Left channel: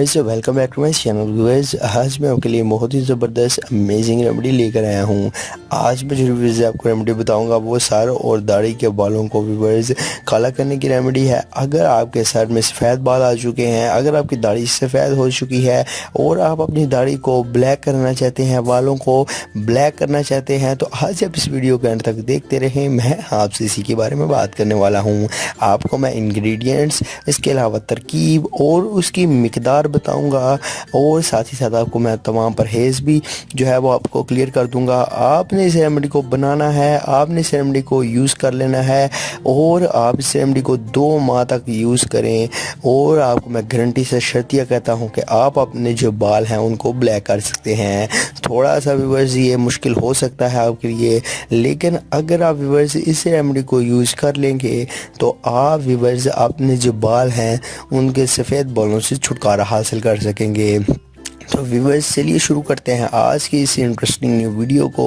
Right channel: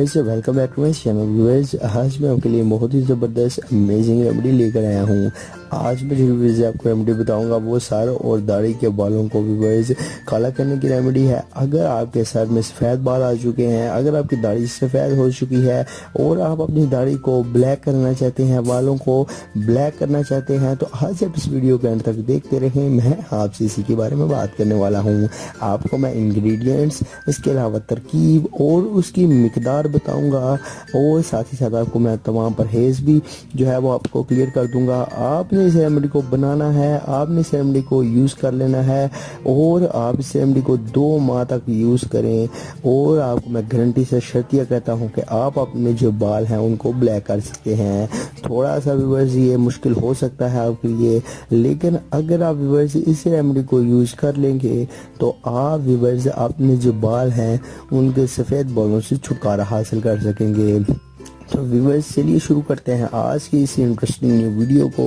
Viewers, welcome back to my channel. Viewers, आज मैं आपके लिए बहुत ही ज़बरदस्त अमेजिंग रेमेडी लेकर आया हूँ। आज मैं जो व्यूअर्स आपको रेमेडी बताऊँगा वो सर और दाढ़ी के बालों को व्यूअर्स काला करने की रेमेडी है। अगर आपके सर में सफ़ेद बाल आ चुके हैं, अगर आपकी दाढ़ी सफ़ेद हो चुकी है और आप अपनी दाढ़ी को ब्लैक करना चाहते हैं, बालों को ब्लैक करना चाहते हैं, तो आज आप इस वीडियो के अंत तक देखते रहें। मैं आपसे इसी के बारे में बात करने वाला हूँ। आपको मैं इंग्रेडिएंट्स, इसके अलावा तरकीब और उसकी मिकदार बताऊंगा और साथ ही साथ आपको मैं तमाम परहेज़ भी जो है वो आपको क्लियर कर दूंगा। आपने इस रेमेडी को बनाना है, आपने इस रेमेडी को यूज़ कर लेना है और आप इस रेमेडी को 2 माह तक यूज़ करें और आपको मैं गारंटी से शर्तिया कहता हूं कि आप अपने जो बाल हैं उनको ब्लैक कर सकते हैं। थोड़ा सा व्यूअर्स ये मुश्किल हो सकता है आपके लिए, लेकिन अगर आप व्यूअर्स इस रेमेडी को यूज़ कर लेंगे तो आप व्यूअर्स अपने जो बाल हैं उनके सफ़ेद बालों से छुटकारा हासिल कर सकेंगे। तो व्यूअर्स चलिए शुरू करते हैं आज की इस इंटरेस्टिंग न्यू वीडियो को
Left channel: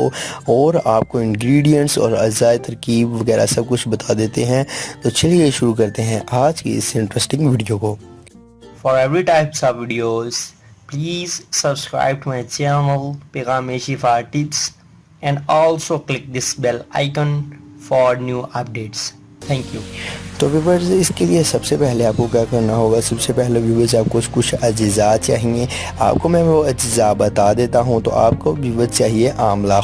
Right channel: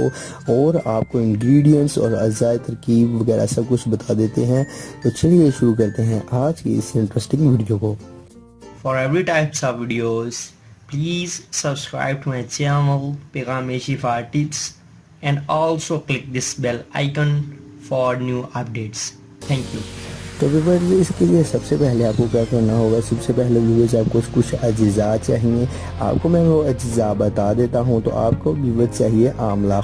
और आपको इंग्रेडिएंट्स और अज़ाय तरकीब वगैरह सब कुछ बता देते हैं। तो चलिए शुरू करते हैं आज की इस इंटरेस्टिंग वीडियो को। For every types of videos, please subscribe to my channel Pegame Shifa Tips and also click this bell icon for new updates. Thank you. तो व्यूअर्स इसके लिए सबसे पहले आपको क्या करना होगा, सबसे पहले व्यूअर्स आपको कुछ अज्जा चाहिए। आपको मैं वो अज्जा बता देता हूँ। तो आपको व्यूअर्स चाहिए आंवला,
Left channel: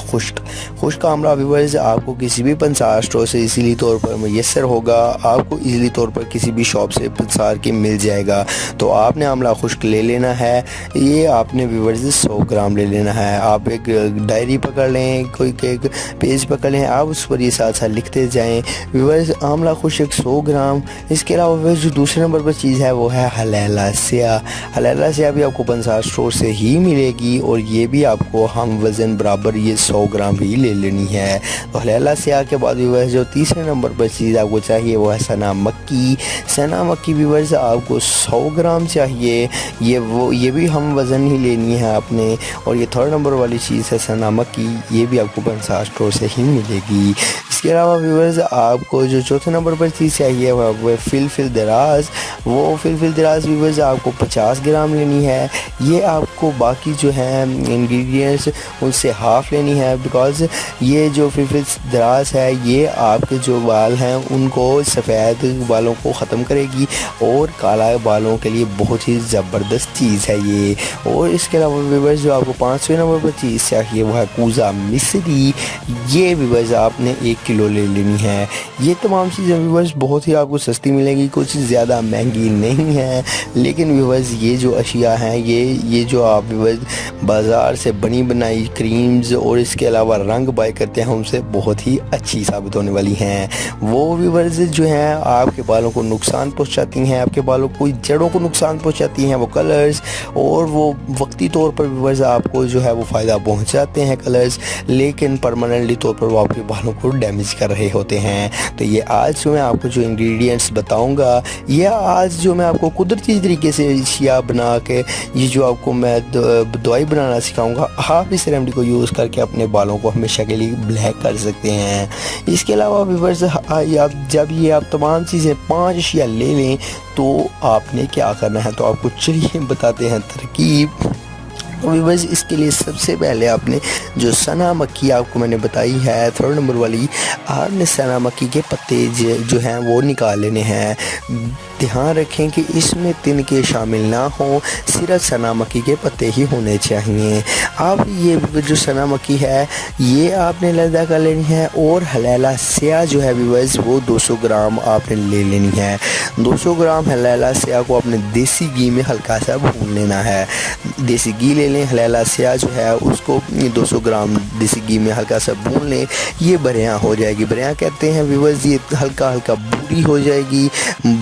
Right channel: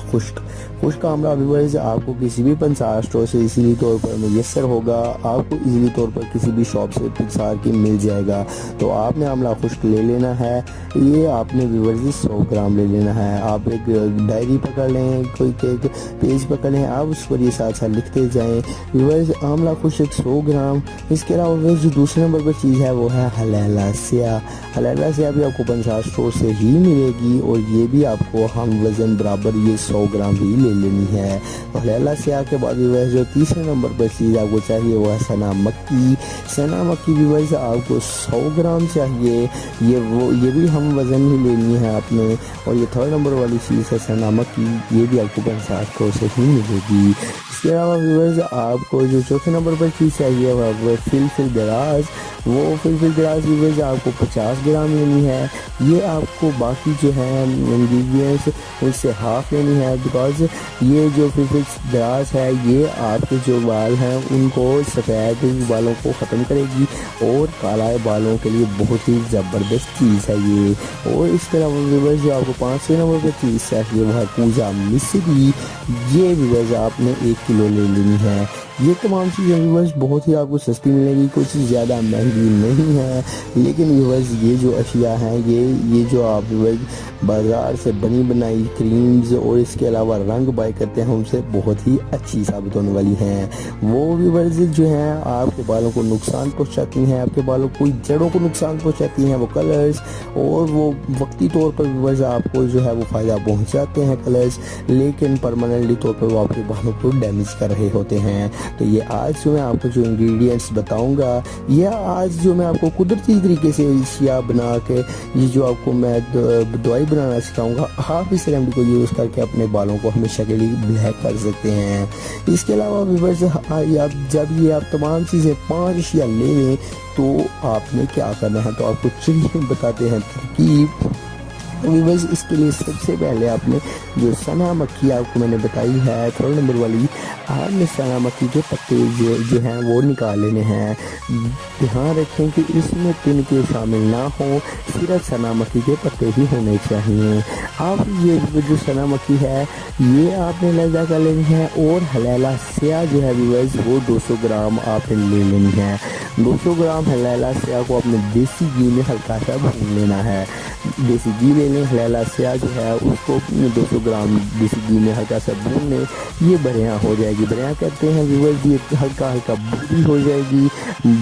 खुश्क आंवला। व्यूअर्स आपको किसी भी पंसार स्टोर से इजीली तौर पर मैसर होगा, आपको इजीली तौर पर किसी भी शॉप से पंसार के मिल जाएगा। तो आपने आंवला खुश्क ले लेना है। ये आपने व्यूअर्स 100 ग्राम ले लेना है। आप एक डायरी पकड़ लें, कोई एक पेज पकड़ लें, आप उस पर ये साथ साथ लिखते जाएँ। व्यूअर्स आंवला खुश्क 100 ग्राम। इसके अलावा जो दूसरे नंबर पर चीज़ है वो है हलैला स्याह। हलैला स्याह भी आपको पंसार स्टोर से ही मिलेगी और ये भी आपको हम वज़न बराबर ये 100 ग्राम भी ले लेनी है। तो हलैला स्याह के बाद व्यूअर्स जो तीसरे नंबर पर चीज़ आपको चाहिए वो है सना मक्की। सना मक्की व्यूअर्स आपको 100 ग्राम चाहिए। ये भी हम वज़न ही लेनी है आपने। और ये थर्ड नंबर वाली चीज़ है सना मक्की, ये भी आपको पंसार स्टोर से ही मिलेगी। इसके अलावा व्यूअर्स आपको जो चौथे नंबर पर चीज़ चाहिए वो फिलफिल दराज। वो फिलफिल दराज व्यूअर्स आपको 50 ग्राम लेनी है। ये आपको बाकी जो है इंग्रेडिएंट्स उनसे हाफ लेनी है, बिकॉज़ ये जो फिलफिल दराज है ये आपके जो बाल हैं उनको सफ़ेद बालों को ख़त्म करेगी और काला बालों के लिए बहुत ही ज़बरदस्त चीज़ है ये। और इसके अलावा व्यूअर्स जो आपको 5वें नंबर पर चीज़ चाहिए वो है पूजा मिश्री। ये व्यूअर्स आपने 1 किलो ले लेनी है। ये तमाम चीज़ें व्यूअर्स बहुत ही आपको सस्ती मिलेगी, कुछ ज़्यादा महंगी नहीं है। लेकिन व्यूअर्स ये जो अशिया हैं ये जो आप व्यूअर्स बाज़ार से बनी बनाई क्रीम्स और इसके अलावा रंग बाय करते हैं उनसे बहुत ही अच्छी साबित होने वाली हैं। वो व्यूअर्स जो हैं आपके बालों को नुकसान पहुंचाती हैं, आपके बालों को जड़ों को नुकसान पहुंचाती हैं वो कलर्स, और वो वक्ती तौर पर व्यूअर्स आपको जो है वो फ़ायदा पहुँचाते हैं कलर्स, लेकिन परमानेंटली तौर पर वो आपके बालों को डैमेज कर रहे होते हैं। तो ये आज जो मैं आपको जो इंग्रेडिएंट्स बताऊंगा, ये आज जो मैं आपको कुदरती तरीके से अशिया बना के ये जो आपको मैं दवाई बनाना सिखाऊंगा, आप इस रेमेडी को यूज़ करके अपने बालों को हमेशा के लिए ब्लैक कर सकते हैं। इसके अलावा व्यूअर्स जब ये आप तमाम चीज़ें 5 अशिया ले लें तो आपने क्या करना है, तो आपको चलिए बताते हैं तरकीब। तो व्यूअर्स इसके लिए सबसे पहले आपने जो सना मक्की आपको मैंने बताई है 3rd नंबर वाली, आपने सना मक्की के पत्ते जो हैं वो निकाल लेने हैं। ध्यान रखें कि इसमें तिनके शामिल ना हों, सिर्फ सना मक्की के पत्ते ही होने चाहिए। आप ये जो सना मक्की है ये आपने लदा कर लेनी है। और हलैला स्याह जो है व्यूअर्स वो 200 ग्राम आपने ले लेनी है। 200 ग्राम हलैला स्याह को आपने देसी घी में हल्का सा भून लेना है। देसी घी ले लें, हलैला स्याह जो है उसको 200 ग्राम देसी घी में हल्का सा भून लें। ये बरियां हो जाएगी, बरियां कहते हैं व्यूअर्स, ये हल्का हल्का भूरी हो जाएगी,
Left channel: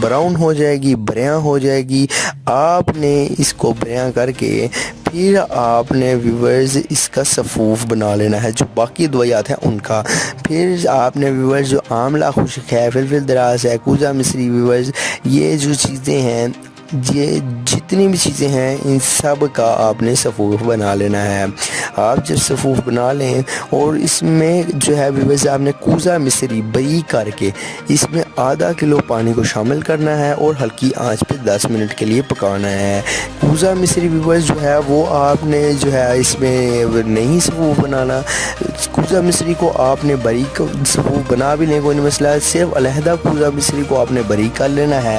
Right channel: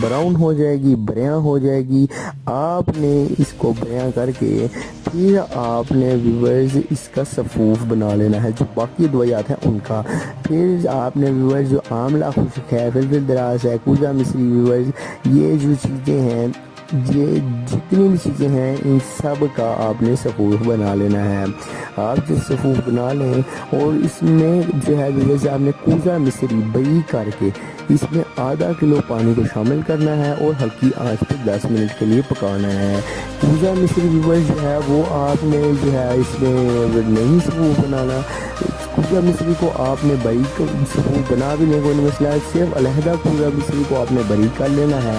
ब्राउन हो जाएगी, बरियां हो जाएगी। आपने इसको बरियां करके फिर आपने व्यूअर्स इसका सफ़ूफ बना लेना है, जो बाकी दवाइयात हैं उनका। फिर आपने व्यूअर्स जो आंवला खुश्क है, फिलफिल दराज है, पूजा मिश्री, व्यूअर्स ये जो चीज़ें हैं ये जितनी भी चीज़ें हैं इन सब का आपने सफ़ूफ बना लेना है। आप जब सफ़ूफ बना लें और इसमें जो है व्यूअर्स आपने कूज़ा मिश्री बरी करके इसमें आधा किलो पानी को शामिल करना है और हल्की आंच पे 10 मिनट के लिए पकाना है। कूज़ा मिश्री व्यूअर्स जो है वो आपने जो है इसमें नहीं सफ़ूफ बनाना। कूज़ा मिश्री को आपने बारीक सफ़ूफ बना भी लें, कोई मसला, सिर्फ अलहदा कूज़ा मिश्री को आपने बारीक कर लेना है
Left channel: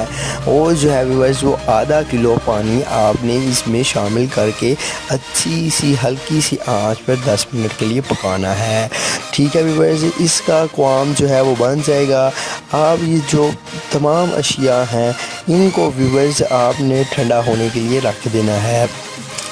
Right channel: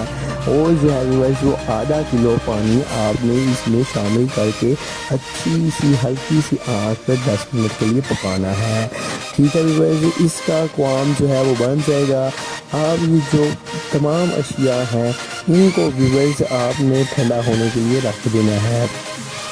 और जो है व्यूअर्स वो आधा किलो पानी आपने इसमें शामिल करके अच्छी सी हल्की सी आंच पर 10 मिनट के लिए पकाना है। ठीक है व्यूअर्स, इसका क़्वाम जो है वो बन जाएगा। आप ये जो तमाम अशिया हैं इनको व्यूअर्स आपने ठंडा होने के लिए रख देना है।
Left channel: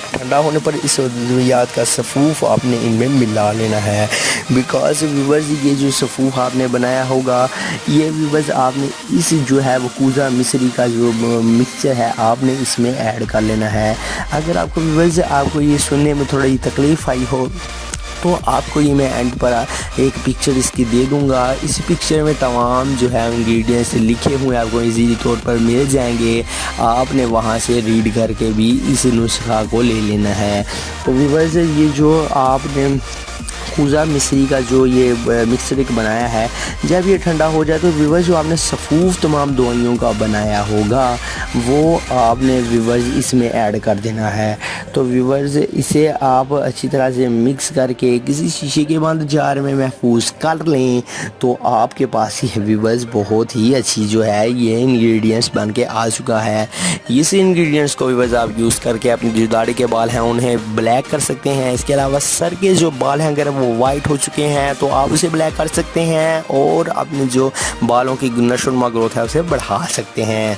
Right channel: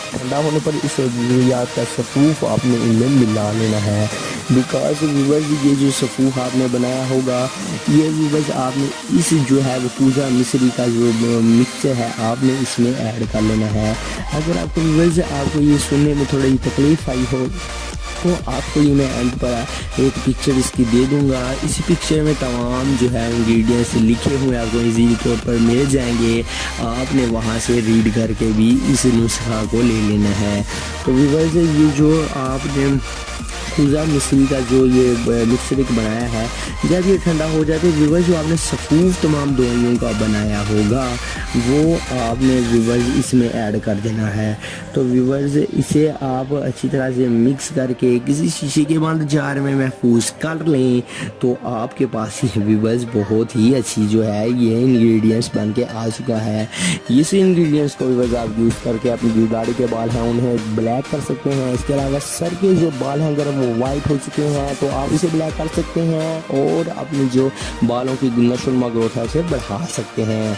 ठंडा होने पर इस अद्वियात का सफ़ूफ आपने इनमें मिला लेना है। बिकॉज व्यूअर्स ये जो सफ़ूफ आपने बनाया होगा ये व्यूअर्स आपने इस जो है वो कूज़ा मिश्री का जो मिक्सचर है आपने इसमें ऐड कर लेना है। अगर आपको व्यूअर्स आपको ये सुनने में थोड़ी तकलीफ़ आई हो तो आपको ये मैं एंड पर एक पिक्चर इसकी दे दूंगा। इस पिक्चर में तमाम जो है इंग्रेडिएंट्स लिखे हुए आपको इजीली तौर पर मिल जाएंगे। आपने वहाँ से रीड करके भी इस नुस्खा को ले लेना है। तो व्यूअर्स ये जो आपने कूज़ा मिश्री का जो ये मिक्सर एक बनाया है जब ये ठंडा हो जाए तो व्यूअर्स जो आपने सफ़ूफ तमाम दवाइयों का बनाया होगा वो आपने व्यूअर्स इसमें ऐड कर देना है। तो व्यूअर्स इसे आप अच्छी तरह से मिक्स करके किसी शीशे के बंद जार में महफूज कर लें तो आपके पास ये व्यूअर्स बहुत ही अच्छी जो है ये इंग्रेडिएंट्स बन के आ चुका है। इस इंग्रेडिएंट्स को व्यूअर्स आप यूज़ करके अपने जो दाढ़ी के बाल हैं उन्हें ब्लैक कर सकते हैं। इसके अलावा सर के जो बाल हैं अगर वो वाइट हो चुके हैं तो आप उसे ब्लैक कर सकते हैं और अपने जो बालों की नशोनुमा ग्रोथ है उसे बढ़ा सकते हैं।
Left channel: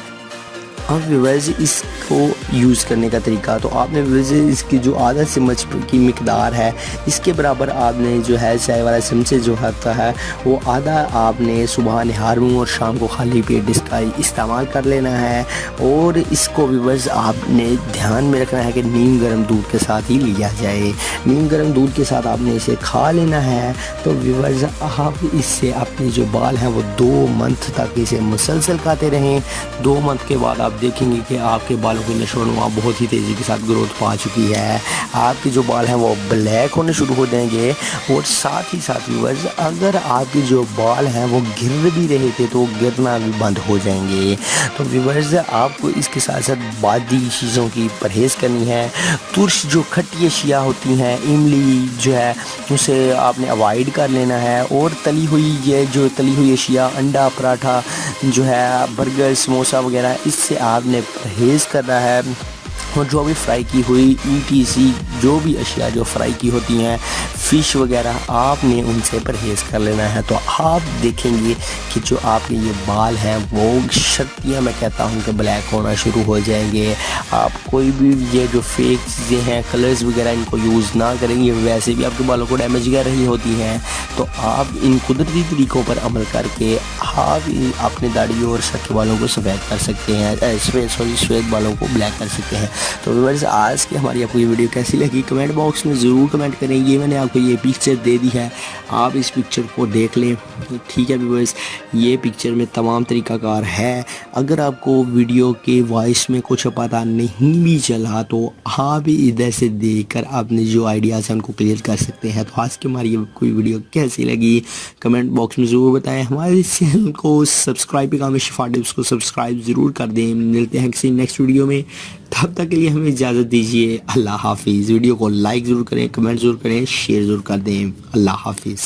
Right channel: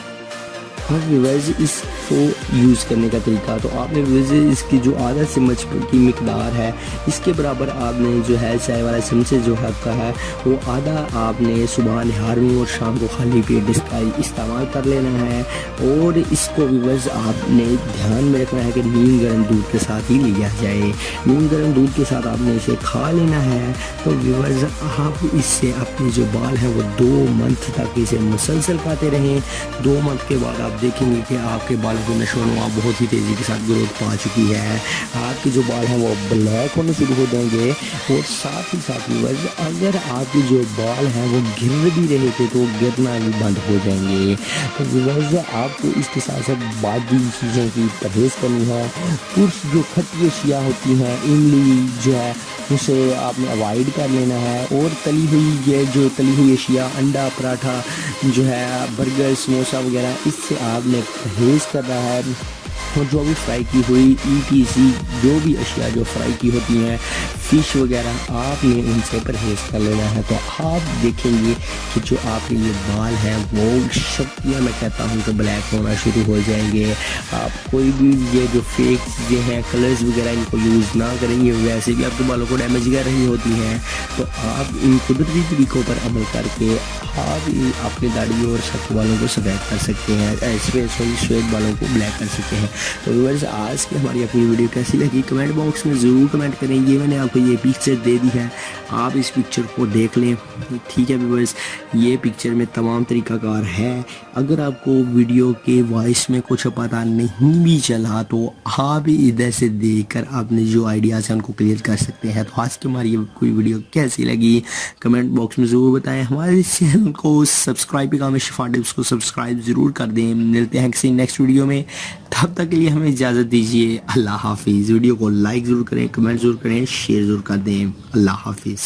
और व्यूअर्स इसको यूज़ करने का तरीका तो आपने व्यूअर्स इसकी जो आधा चम्मच की मिकदार है इसके बराबर आपने जो है चाय वाला चमचे जो होता है वो आधा आपने सुबह नहार में और शाम को खाली पेट इसका इस्तेमाल कर लेना है। और इसको व्यूअर्स आपने ध्यान में रखना है कि नीम गर्म दूध के साथ ही लिया जाए। नीम गर्म दूध के साथ आपने इसे खा लेना है। तो व्यूअर्स आप इससे अपने जो बाल हैं वो 2 मंथ तक इसे मुसलसल खाते रहें। 2 मंथ के बाद आप देखेंगे कि आपके बालों की नशोनुमा बहुत ही तेज़ी के साथ ग्रोथ पा चुकी है। आपके जो बाल हैं वो ब्लैक होने शुरू हो जाएंगे और साथ ही साथ व्यूअर्स अगर आपके जो बाल हैं वो गिर भी रहे थे तो गिरना भी बंद हो जाएंगे। तो व्यूअर्स आपको इसके साथ साथ बादी चीज़ों की परहेज़ करनी है। तुर्श जो खट्टी अशिया होती हैं इमली जो है उसे आपने अवॉइड कर लेना है। और तली हुई ये जो तली हुई अशिया अंडा पराठा जो है बर्गर समोसा वगैरह इससे आपने परहेज़ करना है। और जो भी फ्राई की हुई ETC जो भी अशिया जो फ्राई की होती हैं फ़िश वगैरह आपने उनसे परहेज़ कर लेना है। तो आप देखेंगे कि जो आपके ये बाल हैं वो शक्तियाँ मैं कहता हूँ कि ब्लैक होना शुरू हो जाएंगे। आप कोई भी ये जो फेक चीज़ें हैं कलर्स वगैरह इनको यूज़ ना करेंगे, वैसे भी आपके बालों को डैमेज कर रही होती हैं। तो आप इन कुदरती तरीक़ों पर अमल करके आप अपनी दाढ़ी और सर के बालों को सफ़ेद कर सकते हैं, सफ़ेद बालों को ब्लैक कर सकते हैं। तो व्यूअर्स आज की हमारी अपनी वीडियो कैसी लगी कमेंट बॉक्स में ज़रूर कमेंट करेंगे। मैंने आपको ये पिक्चर दे दी है, आप इस पिक्चर को देख लें। ठीक है व्यूअर्स, ये पिक्चर में तमाम तरीक़ाकार है। अगर आपको वीडियो के वॉइस में कुछ पता नहीं भी चला तो आप इधर से देखकर अपने जो आइडियाज़ हैं उनको क्लियर कर सकते हैं। तो आज की हमारी कोई वीडियो कैसी लगी कमेंट बॉक्स में ज़रूर बताएं। हमारे चैनल को सब्सक्राइब काम शिफा टिप्स को सब्सक्राइब ज़रूर कर दें। मिलते हैं किसी नेक्स्ट वीडियो में, तब तक के लिए हमें इजाज़त दीजिए। अल्लाह हाफिज़। वीडियो को लाइक ज़रूर करें, कमेंट ज़रूर करें, शेयर ज़रूर कर दें। अल्लाह हाफिज़।